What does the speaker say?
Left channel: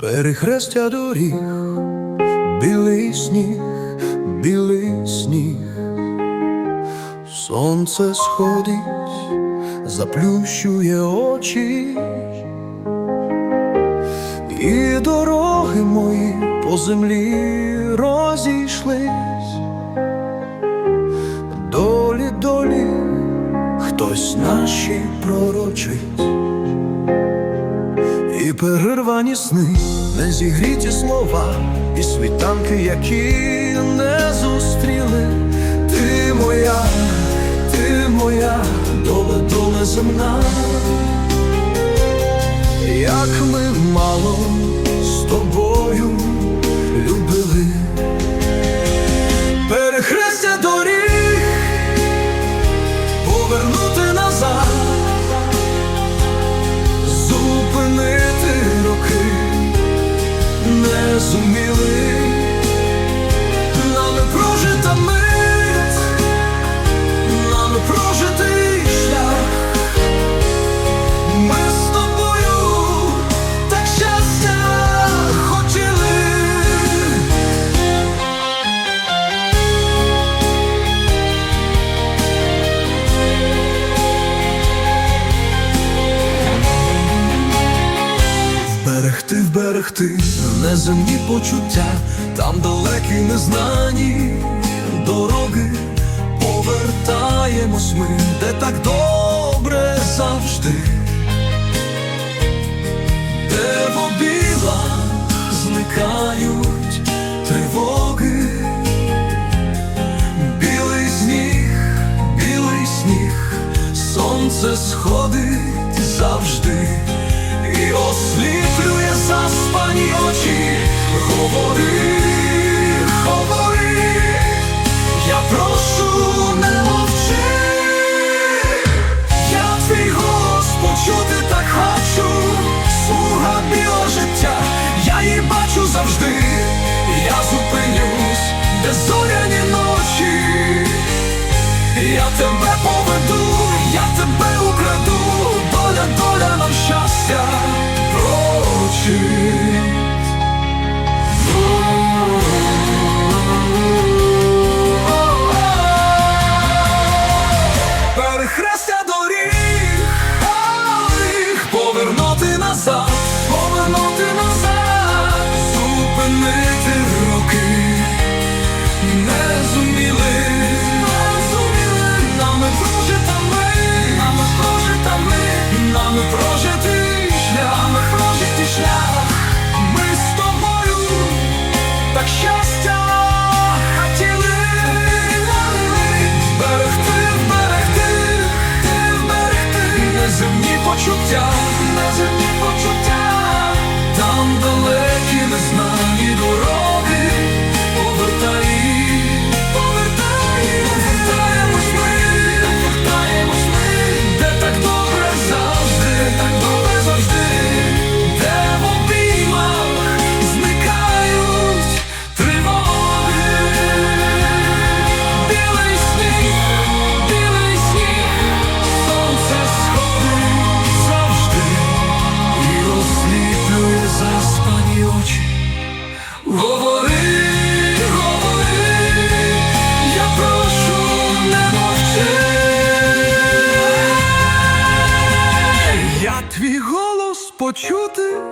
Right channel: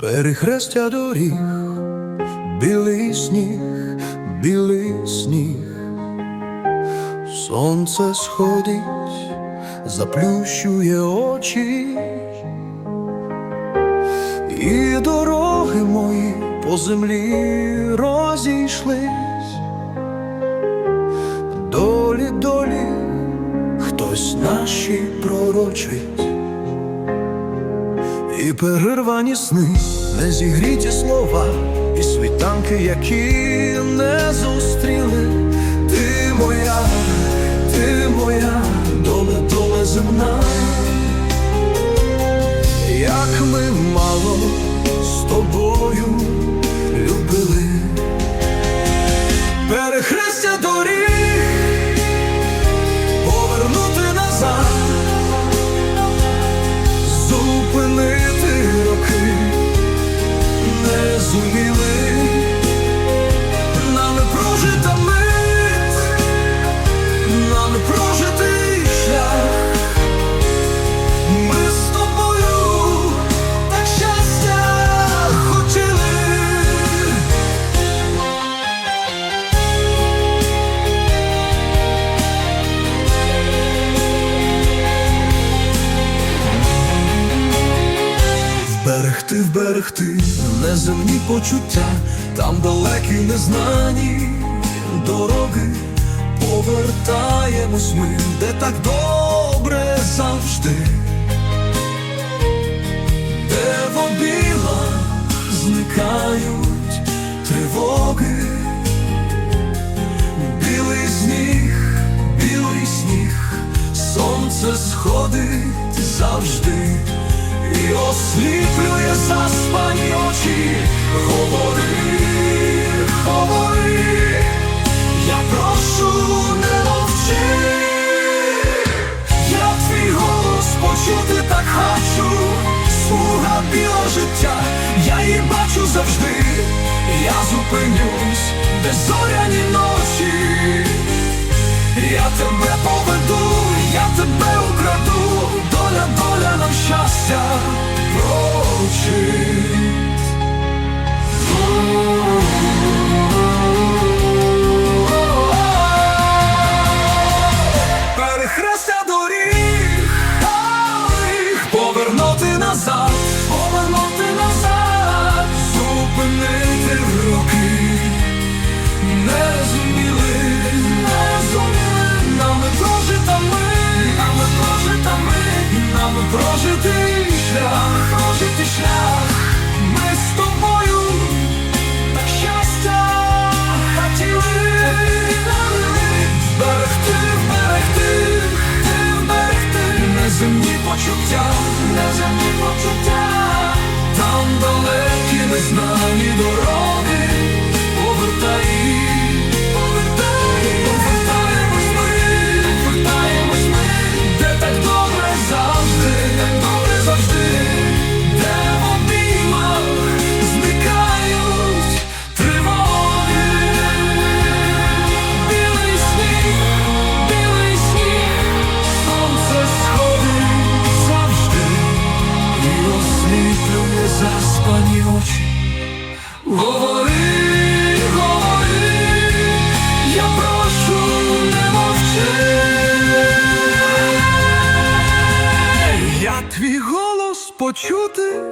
Перехрестя доріг, білий сніг, білий сніг, сонце сходить, заплющує очі, і дороги мої по землі розійшлись, долі, долі, хтось наші пророчить. І перервані сни, не зігріті слова, і світанки, які не зустріли. Ти моя, ти моя, доле, доле земна. Як ми мало з тобою любили, перехрестя доріг, повернути назад зупинити роки. Не зуміли, нами прожита мить, нами прожитий шлях. Вберегти неземні почуття, там далекі незнані дороги, повертаємось ми, де так добре завжди, де в обілах зникають тривоги, білий сніг, білий сніг, сонце сходить завжди і осліплює заспані очі. Говори, говори, я прошу, не мовчи, я твій голос почути так хочу, слуга білого життя, я її бачу завжди, я зупинюсь, де зоряні ночі. Я тебе поведу, я тебе щастя прочить. Перехрестя доріг, доріг, повернути назад, повернути назад, зупинити прожитий заспані. Говори, говори, я прошу, не мовчи. Я твій голос почути